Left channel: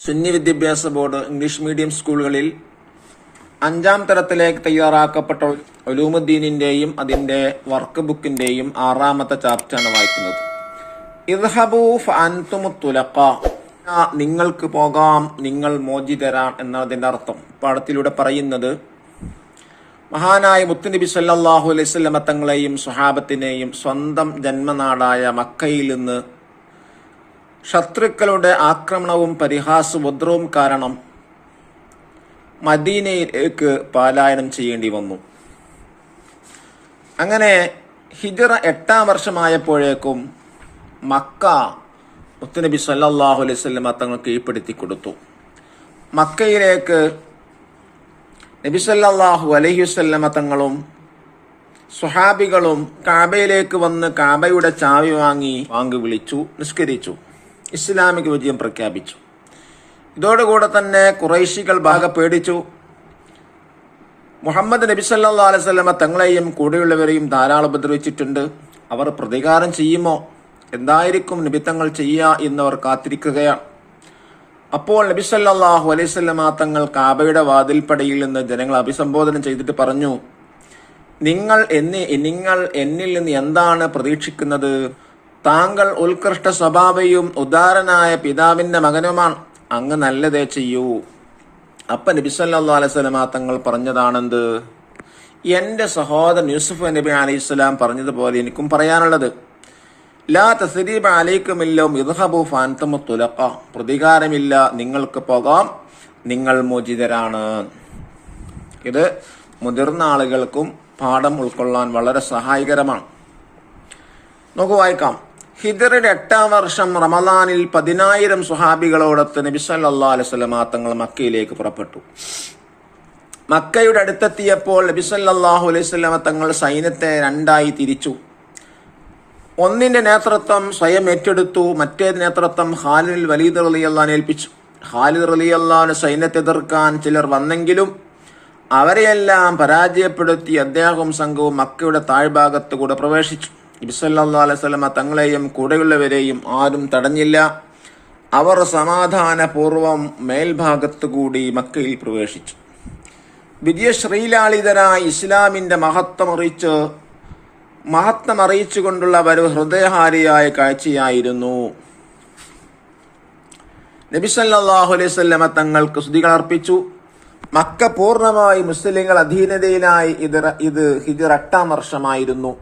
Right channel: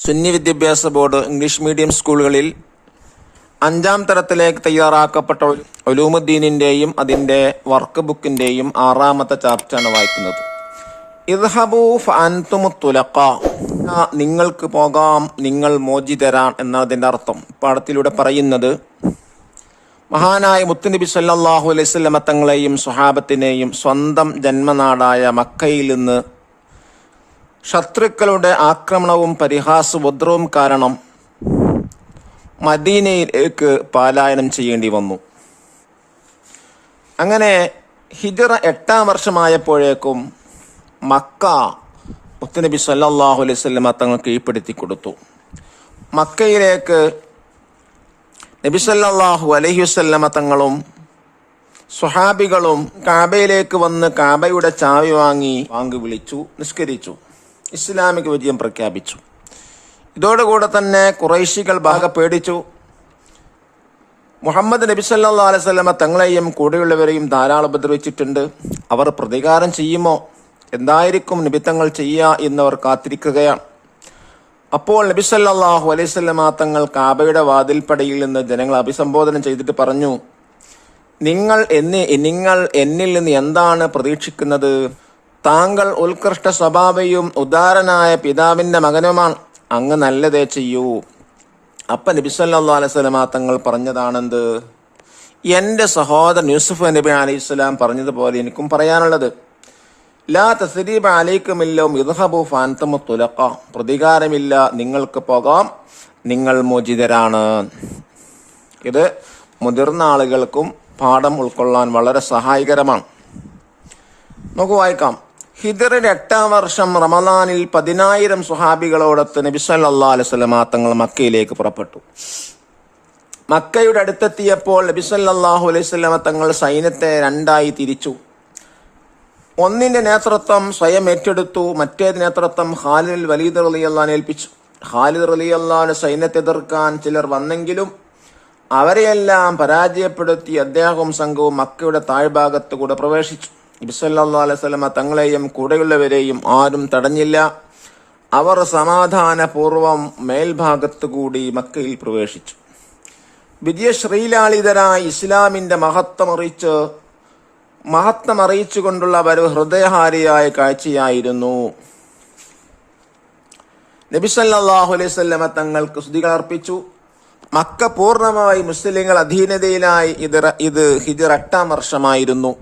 സുന്നി വിദ്യാഭ്യാസ board English medium സ്കൂളുകളിൽ 5ാം തരത്തിലേക്ക് തയ്യാറാക്കപ്പെട്ട ഉലൂമുദ്ദീനിന്റെയും അതിന്റെ വർക്ക് ബുക്കിന്റെയും 6ാമത്തെ ചാപ്റ്ററാണ് വായിക്കുന്നത്. ഇദ്ഹബൂ ഫഅൻതുമുത് തുലഖാ, നിങ്ങൾക്ക് പോകാം, നിങ്ങൾ മോചിതരാൻ എന്നതിന്റെ അർത്ഥം. പാഠത്തിലൂടെ പറയുന്നത് മഹാനായ മുത്തുനബി സല്ലല്ലാഹു അലൈഹി വസല്ലം തങ്ങളെയും സ്വഹാബത്തിനെയും സ്വന്തം ജന്മനാടായ മക്കയിൽ നിന്ന് ശത്രുക്കളുടെ ആക്രമണവും പരിഹാസോദ്രവും കാരണം മദീനയിലേക്ക് പലായനം ചെയ്യേണ്ടി വന്നു. അങ്ങനെ ഹിജ്റ 8ാം വർഷമായപ്പോഴേക്കും മക്ക മുത്തുനബി സല്ലല്ലാഹു അലൈഹി വസല്ലം തങ്ങൾ കീഴ്പ്പെടുത്തി കൊടുത്തു. മക്കയിലേക്ക് നബി സല്ലല്ലാഹു അലൈഹി വസല്ലം തങ്ങളും സ്വഹാബികളും കാബയിലേക്ക് വന്ന് കാബയുടെ ചാവി വാങ്ങി വിളിച്ചു, നിസ്കരിച്ചു, ഇസ്ലാമിക വിജയം പ്രഖ്യാപിച്ചു. ഇതോടുകൂടെ തന്നെ ഖുറൈശികൾ പേടിച്ചു. മുഹമ്മദ് നബി സല്ലല്ലാഹു അലൈഹി വസല്ലം തങ്ങളെയും കൂടെയുള്ളവരെയും ധാരാളം ഉപദ്രവിച്ചിട്ടുണ്ട്. അവർ പ്രതികാരം ചെയ്യുമോ, എന്തായിരിക്കും നബി തങ്ങൾ ചെയ്യുക എന്നവർ കാത്തിരിക്കുകയാണ്. അപ്പോൾ നബി സല്ലല്ലാഹു അലൈഹി വസല്ലം തങ്ങൾ കാബയുടെ വാതിൽപ്പടിയിൽ നിന്ന് ജനങ്ങളെ അഭിസംബോധന ചെയ്തിട്ട് പറഞ്ഞു, നിങ്ങൾ എന്നിൽ നിന്ന് എന്താണ് പ്രതീക്ഷിക്കുന്നത്? താങ്കൾ ഉത്കൃഷ്ട സ്വഭാവയും ഉദാരനായ പിതാവിന്റെ മകനുമാണ്, അങ്ങ് നല്ലതേ ചെയ്യൂ. അപ്പൊ നബി സല്ലല്ലാഹു അലൈഹി വസല്ലം തങ്ങൾ പറഞ്ഞതാണെന്ത്? എന്റെ സഹോദരൻ യൂസുഫ് നബി അലൈഹിസ്സലാം പറഞ്ഞതുപോലെ എനിക്കും പറയാനുള്ളത്, ലാ തസ്രീബ അലൈക്കുമില്ലവും ഇദ്ഹബൂ ഫഅൻതുമുത് തുലഖാ, പ്രതികാരമില്ല, നിങ്ങൾക്ക് പോകാം, നിങ്ങൾ മോചിതരാണ്. ഇത് മുതിർന്ന ആളുകൾക്കും പാഠം ഉൾക്കൊള്ളാൻ വളരെ സഹായകരമാണ്. നമുക്ക് വായിക്കാം. ഹിജ്റയുടെ 8ാം വർഷം റമദാനിൽ 10,000 സ്വഹാബികളോടൊത്ത് നബി സല്ലല്ലാഹു അലൈഹി വസല്ലം തങ്ങൾ മക്കയിലേക്ക് പുറപ്പെട്ടു. മക്കയുടെ അടുത്തെത്തിയപ്പോൾ നബി സല്ലല്ലാഹു അലൈഹി വസല്ലം തങ്ങൾ സൈന്യത്തെ 2ആയി തിരിച്ചു. ഒന്നിന്റെ നേതൃത്വം സ്വയം ഏറ്റെടുത്തു, മറ്റേ നേതൃത്വം ഖാലിദ് വലീദ് റളിയല്ലാഹു ഏൽപ്പിച്ചു. ഖാലിദ് റളിയല്ലാഹു സൈന്യത്തെ എതിർക്കാൻ ചിലർ വന്നെങ്കിലും അവരെയെല്ലാം പരാജയപ്പെടുത്തി അദ്ദേഹവും സംഘവും മക്കയുടെ താഴ്ഭാഗത്തുകൂടെ പ്രവേശിച്ചു. നബി സല്ലല്ലാഹു അലൈഹി വസല്ലം തങ്ങളെയും കൂടെയുള്ളവരെയും ആരും തടഞ്ഞില്ല. അവർ സമാധാനപൂർവം മേൽഭാഗത്തുകൂടി മക്കയിൽ പ്രവേശിച്ചു. വിജയശ്രീലാളിതനായി ഇസ്ലാമിന്റെ മഹത്വം അറിയിച്ചുകൊണ്ടുള്ള ഒരു ഹൃദയഹാരിയായ കാഴ്ചയായിരുന്നു. നബി സല്ലല്ലാഹു അലൈഹി വസല്ലം തങ്ങൾക്ക് സ്തുതികൾ അർപ്പിച്ചു. മക്ക പൂർണ്ണമായി മുസ്ലിങ്ങൾ അധീനതയിലായി. ഇത് ഹിജ്റ 8ാം വർഷമായിരുന്നു.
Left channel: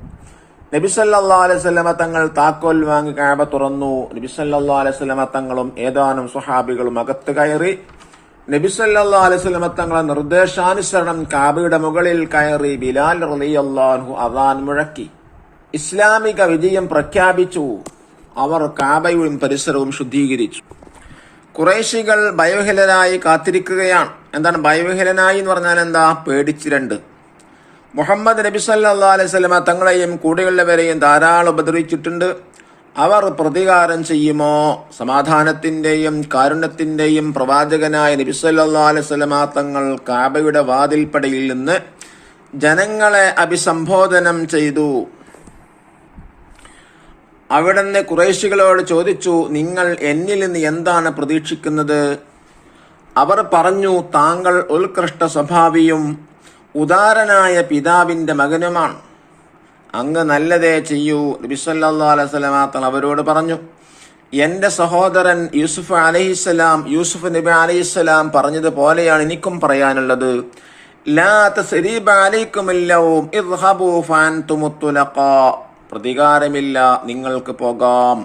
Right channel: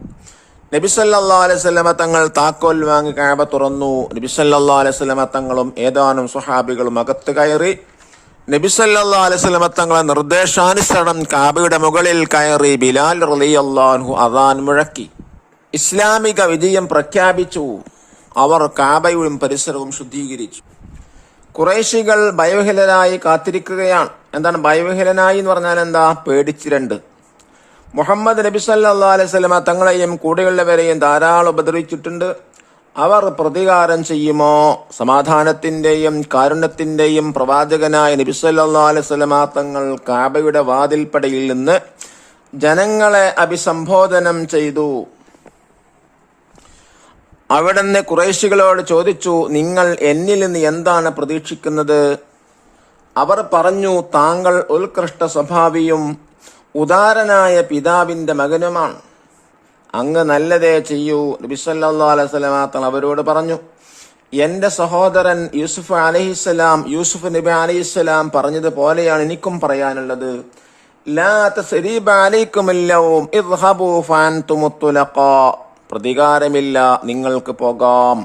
നബി സല്ലല്ലാഹു അലൈഹി വസല്ലം തങ്ങൾ താക്കോൽ വാങ്ങി കഅബ തുറന്നു. നബി സല്ലല്ലാഹു അലൈഹി വസല്ലം തങ്ങളും ഏതാനും സ്വഹാബികളും അകത്ത് കയറി. നബി സല്ലല്ലാഹു അലൈഹി വസല്ലം തങ്ങളുടെ നിർദ്ദേശാനുസരണം കഅബയുടെ മുകളിൽ കയറി ബിലാൽ റളിയല്ലാഹു അൻഹു അദാൻ മുഴക്കി ഇസ്ലാമിക വിജയം പ്രഖ്യാപിച്ചു. അവർ കഅബയും പരിസരവും ശുദ്ധീകരിച്ചു. ഖുറൈശികൾ ഭയവിഹ്വലരായി കാത്തിരിക്കുകയാണ്. എന്താണ് ഭയവിഹ്വലനായി എന്ന് പറഞ്ഞാൽ എന്താ? പേടിച്ചിരണ്ട്. മുഹമ്മദ് നബി സല്ലല്ലാഹു അലൈഹി വസല്ലം തങ്ങളെയും കൂടെയുള്ളവരെയും ധാരാളം ഉപദ്രവിച്ചിട്ടുണ്ട്. അവർ പ്രതികാരം ചെയ്യുമോ? സമാധാനത്തിന്റെയും കാരുണ്യത്തിന്റെയും പ്രവാചകനായ നബി സല്ലല്ലാഹു അലൈഹി വസല്ലം തങ്ങൾ കഅബയുടെ വാതിൽപ്പടിയിൽ നിന്ന് ജനങ്ങളെ അഭിസംബോധനം ചെയ്തു. അവിടുന്ന് ഖുറൈശികളോട് ചോദിച്ചു, നിങ്ങൾ എന്നിൽ നിന്ന് എന്താണ് പ്രതീക്ഷിക്കുന്നത്? അവർ പറഞ്ഞു, താങ്കൾ ഉത്കൃഷ്ട സ്വഭാവിയും ഉദാരനായ പിതാവിന്റെ മകനുമാണ്, അങ്ങ് നല്ലതേ ചെയ്യൂ. നബി സല്ലല്ലാഹു അലൈഹി വസല്ലം തങ്ങൾ അവരോട് പറഞ്ഞു, എന്റെ സഹോദരൻ യൂസുഫ് നബി അലൈഹിസ്സലാം പറഞ്ഞതുപോലെയാണ് എനിക്കും പറയാനുള്ളത്. ലാ തസ്രീബ അലൈക്കുമില്ലവും ഇദ്ഹബൂ ഫഅൻതുമുത് തുലഖാ, പ്രതികാരമില്ല, നിങ്ങൾക്ക് പോകാം,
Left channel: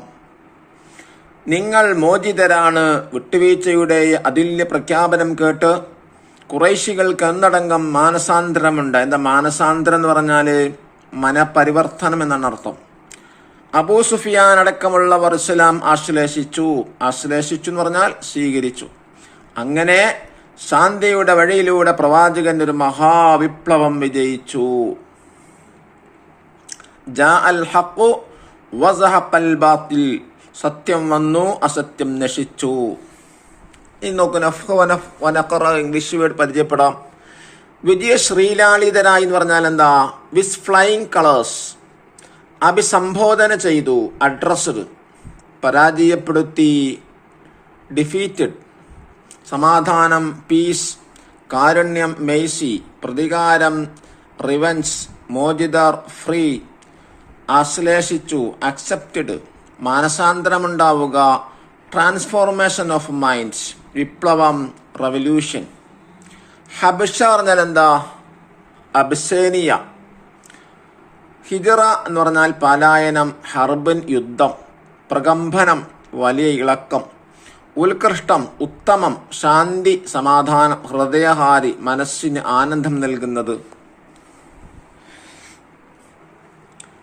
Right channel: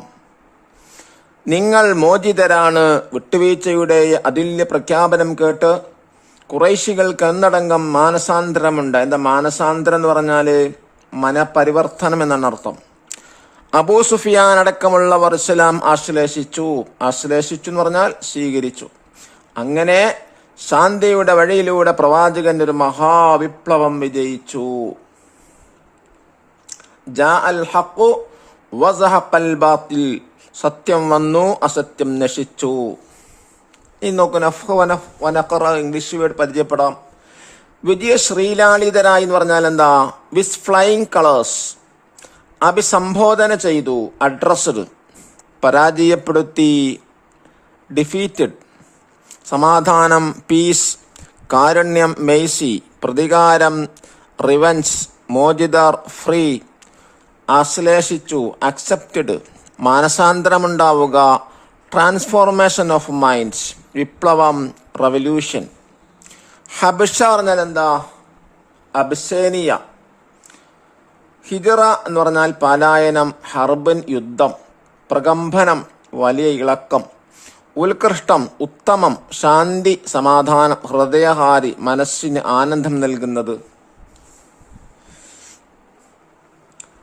നിങ്ങൾ മോചിതരാണ്. വിട്ടുവീഴ്ചയുടെ അതുല്യ പ്രഖ്യാപനം കേട്ട് ഖുറൈശികൾക്ക് ഒന്നടങ്കം മാനസാന്തരമുണ്ട്. എന്താ മാനസാന്തരം എന്ന് പറഞ്ഞാല് മനപരിവർത്തനം എന്നാണ് അർത്ഥം. അബൂ സുഫിയാൻ അടക്കമുള്ളവർ ഇസ്ലാം ആശ്ലേഷിച്ചു എന്ന് പറഞ്ഞാൽ സ്വീകരിച്ചു. അങ്ങനെ ശാന്തിയുടെ വഴിയിലൂടെ പ്രവാചകന്റെ ഒരു മഹാവിപ്ലവം വിജയിച്ചു. ജാഅൽ ഹഖ് വസഹഖൽ ബാത്തിൽ, സത്യം വന്നു, അസത്യം നശിച്ചു. ഇനി നോക്കൂ, ഇംഗ്ലീഷ് വേർഡ് പരിചയപ്പെടാം. വിജയ ശ്രീലാളിതരായി എന്ന് പറഞ്ഞാൽ എന്താ? വിസ് ഫ്ലൈയിങ് കളേഴ്സ്, അഭിസംബോധന ചെയ്തു, അഡ്രസ്ഡ്, പരാജയപ്പെടുത്തി, ഡിഫീറ്റഡ്, സമാധാനം പീസ്, കാരുണ്യം മെയ്സി, പ്രതികാരം റിവഞ്ച്, മോചിതർ ഫ്രീ, ആശ്ലേഷിച്ചു അക്സെപ്റ്റഡ്, മാനസാന്തരമുണ്ടാവുക ട്രാൻസ്ഫോർമേഷൻ ഓഫ് മൈൻഡ്സ്, വിപ്ലവം റവല്യൂഷൻ. ഹബഷ പറഞ്ഞാൽ എന്താ? അബ്സേനിയ. ഹിജറ എന്ന് പറഞ്ഞാൽ പലായനം, ഹർബൻ യുദ്ധം, പ്രകമ്പനം വലിയ ഇളക്കം, ഉത്കൃഷ്ടം ഉത്തമം, ശാന്തി സമാധാനം, ഹൃദയഹാരി മനസ്സിന് ആനന്ദം നൽകുന്നത്.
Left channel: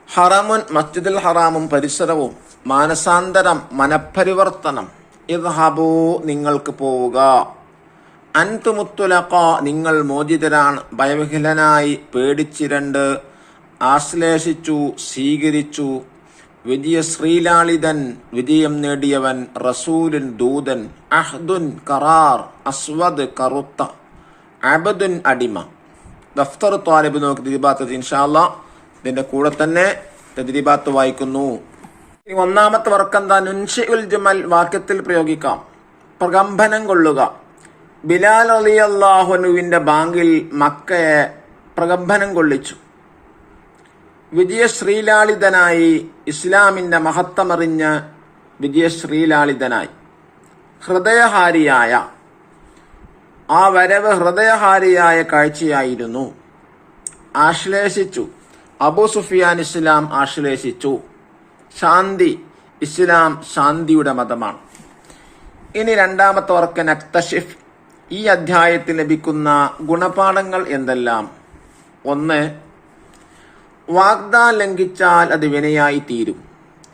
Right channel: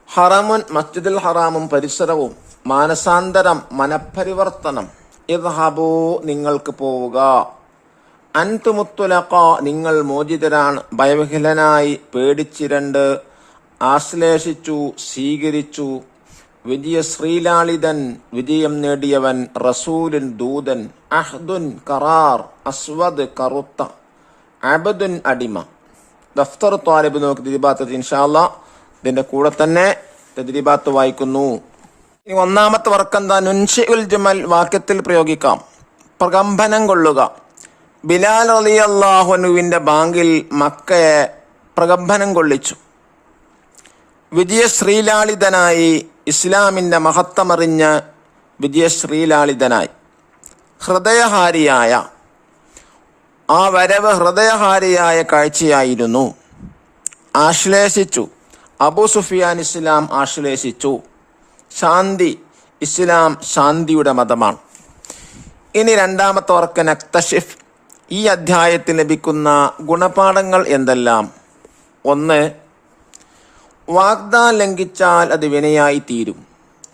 ഹറമുൻ മസ്ജിദുൽ ഹറാമും പരിസരവും, മാനസാന്തരം മനഃപരിവർത്തനം. ഇദ്ഹബൂ നിങ്ങൾക്ക് പോവുക, അൻതുമുത്തുലഖ നിങ്ങൾ മോചിതരാണ്, ഭയവിഹ്വലനായി പേടിച്ചിരണ്ട്, ആശ്ലേഷിച്ചു സ്വീകരിച്ചു, വിജയശ്രീലാളിതൻ വിജയം നേടിയവൻ, റസൂലുൻ ദൂതൻ, അഹ്ദുൻ കറാർ, അസ്വദ് കറുത്ത, അബദുൻ അടിമ. ദഫ്തർ ത്വാലിബ് നോക്കി തദ്രീബാത്ത് ഇൻഷാ അല്ലാഹ് ഇതിന്റെ കൂടെ തന്നെ തദ്രീബാത്ത് വായിക്കുന്നു. ഇനി ഒന്നാമത്തെ വർക്കെന്താ? നുൻഷിഉൽ ജുമൽ വാക്യത്തിൽ പ്രയോഗിക്കാം. പ്രകമ്പനം കൊള്ളുക. ബിലാൽ റളിയല്ലാഹു അൻഹുവിന്റെ ബാങ്കിൽ മക്കയെ പ്രകമ്പനം കൊള്ളിച്ചു. വിജയശ്രീലാളിതനായി, ഇസ്ലാമിന്റെ മഹത്വമറിഞ്ഞ് വിജയശ്രീലാളിതനായി, ഹൃദയഹാരിയായ ആ വരവ് ഹൃദയഹാരിയായ കാഴ്ചയായിരുന്നു. ആശ്ലേഷിച്ചു, അബൂ സുഫിയാൻ ഇസ്ലാം ആശ്ലേഷിച്ചു. ശാന്തി, ഇസ്ലാം ശാന്തിയുടെ മതമാണ്. ഇനി രണ്ടാമത്തെ വർക്ക് നക്തഷിഫ്. ഈ അധ്യായത്തിൽ ലഭിക്കുന്ന ഗുണപാഠങ്ങൾ എന്തെല്ലാം? 1. വാഗ്ദാനം ലംഘിച്ചാൽ അത് വിനയായി തീരും.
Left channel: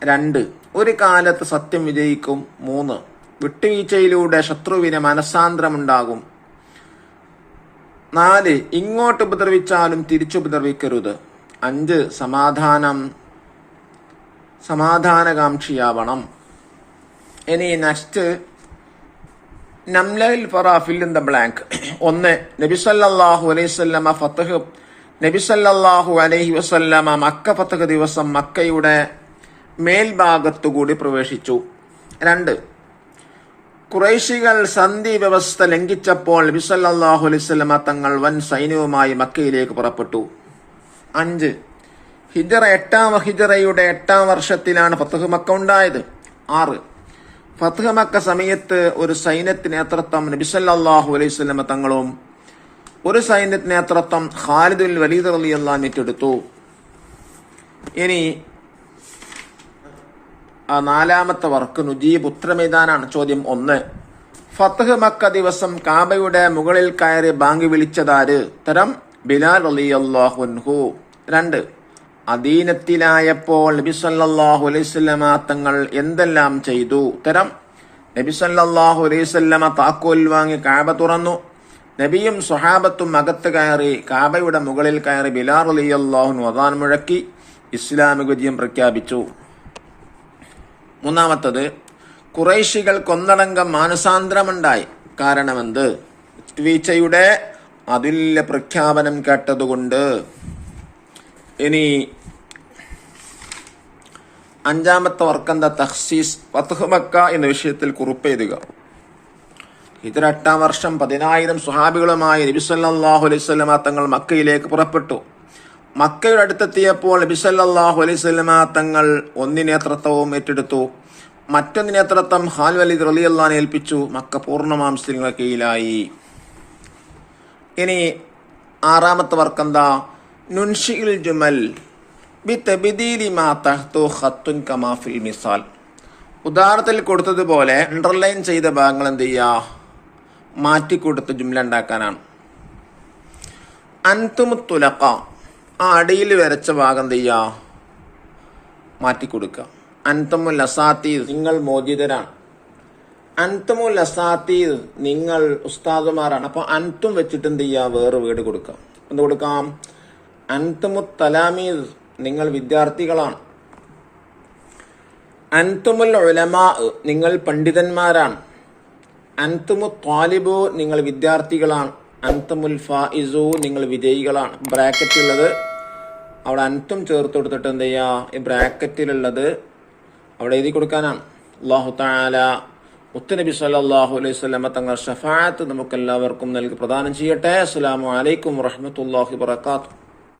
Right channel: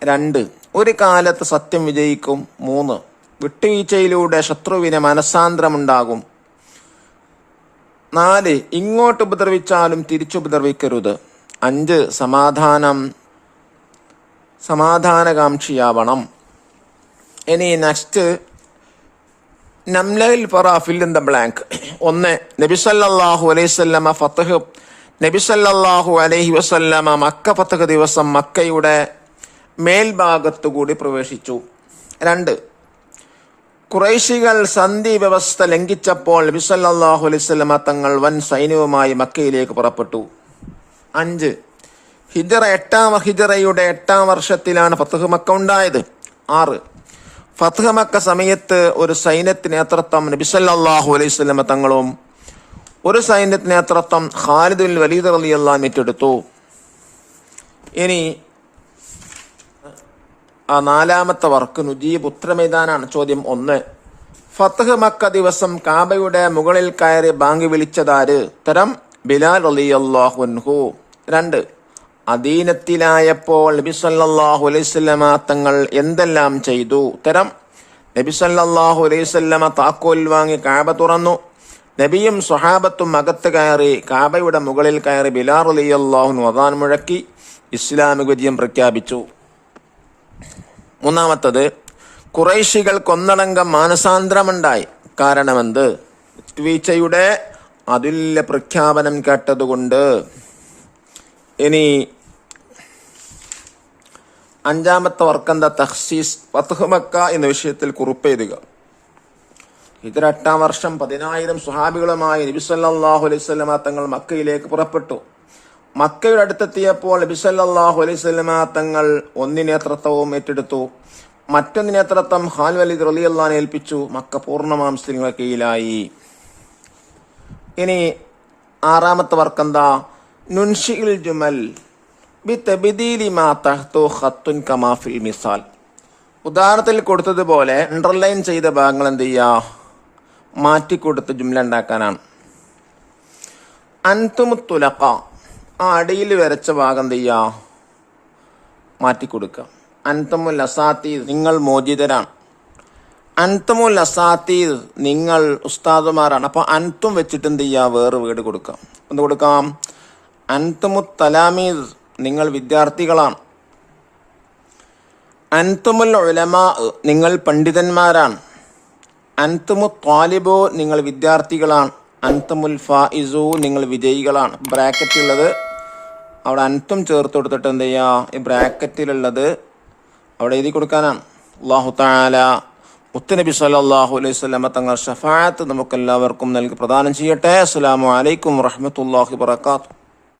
2. ഒരു കാലത്ത് സത്യം വിജയിക്കും. 3. വിട്ടുവീഴ്ചയിലൂടെ ശത്രുവിന് മനസ്സാന്തരമുണ്ടാകും. 4. ഇങ്ങോട്ട് ഉപദ്രവിച്ചാലും തിരിച്ചുപദ്രവിക്കരുത്. 5. സമാധാനകാംക്ഷിയാവണം. ഇനി നെക്സ്റ്റ് നംലയിൽ പറ ഫിൽ ഇൻ ദ ബ്ലാങ്ക്. 1. നബി സല്ലല്ലാഹു അലൈഹി വസല്ലമ ഫത്ഹ്. നബി സല്ലല്ലാഹു അലൈഹി വസല്ലമ മക്ക ഫത്ഹ് ദിവസം മക്കയുടെ മേൽഭാഗത്തുകൂടി പ്രവേശിച്ചു. 2. ഖുറൈശികൾ സന്ധി വ്യവസ്ഥ ലംഘിച്ചപ്പോൾ നബി സല്ലല്ലാഹു അലൈഹി വസല്ലമ തങ്ങൾ വൻ സൈന്യവുമായി മക്കയിലേക്ക് പുറപ്പെട്ടു. 5. ഹിജറയുടെ 8ാം വർഷത്തിലാണ് ഫത്ഹ് മക്ക ഉണ്ടായത്. 6. ഫത്ഹ് മക്ക സമയത്ത് ഒരു സൈന്യത്തിന് നേതൃത്വം നബി സല്ലല്ലാഹു അലൈഹി വസല്ലമ തങ്ങളും ഒരു സൈന്യത്തിന് നേതൃത്വം ഖാലിദ് ബിൻ വലീദ് റളിയല്ലാഹു അൻഹു ഏറ്റെടുത്തു. ഇനി 4ാമത്തെ വർക്ക് നുജീബ് ഉത്തരമേതാനാണ്. ചോദ്യം 1. ഫത്ഹ് മക്ക ദിവസം കാബയുടെ മുകളിൽ കയറി ബാങ്ക് വിളിച്ചതാര്? ഉത്തരം ബിലാൽ റളിയല്ലാഹു അൻഹു. 2. അദീനത്തിലായപ്പോൾ നബി സല്ലല്ലാഹു അലൈഹി വസല്ലമ തങ്ങൾ എന്തെല്ലാം ചെയ്തു? ഉത്തരം നബി സല്ലല്ലാഹു അലൈഹി വസല്ലമ താക്കോൽ വാങ്ങി കാബ തുറന്നു. നബിയും സ്വഹാബത്തും അകത്ത് കയറി കാബയുടെ മുകളിൽ കയറി ബിലാൽ റളിയല്ലാഹു അൻഹു അദാൻ മുഴക്കി ഇസ്ലാമിക വിജയം പ്രഖ്യാപിച്ചു. 3. ഖുറൈശികൾ കൊന്നടങ്കം മാനസാന്തരമുണ്ടായി. കാരണമെന്ത്? വിട്ടുവീഴ്ചയുടെ അതുല്യ പ്രഖ്യാപനം കേട്ടതുകൊണ്ട്. ഇനി 5ാമത്തെ വർക്കെന്താ? തഖ്സീസ്. ഫത്ഹ് മക്ക എന്ന വിഷയത്തിൽ കുറിപ്പ് എഴുതുക. ഹിജ്റ 8ാം വർഷം 10,000 സ്വഹാബികളുമായി നബി സല്ലല്ലാഹു അലൈഹി വസല്ലമ തങ്ങൾ മക്കയിലേക്ക് പുറപ്പെട്ടു. മക്കയുടെ അടുത്തെത്തിയപ്പോൾ നബി സല്ലല്ലാഹു അലൈഹി വസല്ലമ തങ്ങൾ ഒന്ന് നേതൃത്വവും ഏറ്റെടുത്തു. മറ്റൊന്ന് നേതൃത്വം ഖാലിദ് വലീദ് റളിയല്ലാഹു അൻഹു ഏൽപ്പിച്ചു. മക്ക പൂർണ്ണമായും മുസ്ലിങ്ങളുടെ കീഴിലായി. ഇനി 6ാമത്തെ വർക്കെന്താ? നുൻഷിഉൽ ജുമൽ ബിതബ്ദീലി മാ തഹ്തു ഖത്തുൻ കമാ ഫിൽ മിസാൽ. ഉദാഹരണത്തിൽ കൊടുത്തതുപോലെ അണ്ടർലൈൻ ചെയ്ത ഭാഗങ്ങൾ എന്ത് ചെയ്യുക? മാറ്റിക്കൊടുത്ത് ജുംല ഉണ്ടാക്കാനാണ്. അൻതുമുത്തുലഖ, ആ അടിയിൽ വരച്ച ഭാഗം എന്ത് ചെയ്യുക? മാറ്റിക്കൊടുക്കുക. അൻതുമുൽ അസാത്തീർ, നിങ്ങൾ മോചിതരാണ്. അൻതുമുൽ അസാത്തീർ, നിങ്ങൾ ഉസ്താദുമാരാണ്. അപ്പൊ അൻതും വെച്ചിട്ട് എന്ത് ചെയ്യുക? വേറെ വീട് കൊടുക്കാം. എന്ത് കൊടുക്കാം? അൻതുമുൽ തലാമീർ, നിങ്ങൾ വിദ്യാർത്ഥികളാണ്. അൻതുമുൽ ഉലമാ, നിങ്ങൾ പണ്ഡിതന്മാരാണ്. അൻതുമു ത്വാലിബു, നിങ്ങൾ വിദ്യാർത്ഥികളാണ്. അൻതുമുൽ ഫായിസു, നിങ്ങൾ വിജയികളാണ്. ബ്രാക്കറ്റിലുള്ളത് അവിടെ അൻതും ചേർത്ത് കൊടുത്തിട്ട് എന്ത് ചെയ്യുക? ഈ ബ്രാക്കറ്റിലുള്ളത് അവിടെ എഴുതി കൊടുക്കാനാണ്. അല്ലാഹു തആല മുത്തുനബി സല്ലല്ലാഹു അലൈഹി വസല്ലമ തങ്ങൾ ഷഫാഅത്ത് നമുക്കെല്ലാവർക്കും നൽകി പ്രദാനം ചെയ്യട്ടെ. അസ്സലാമു അലൈക്കും വറഹ്മത്തുള്ളാഹി വബറകാതുഹു.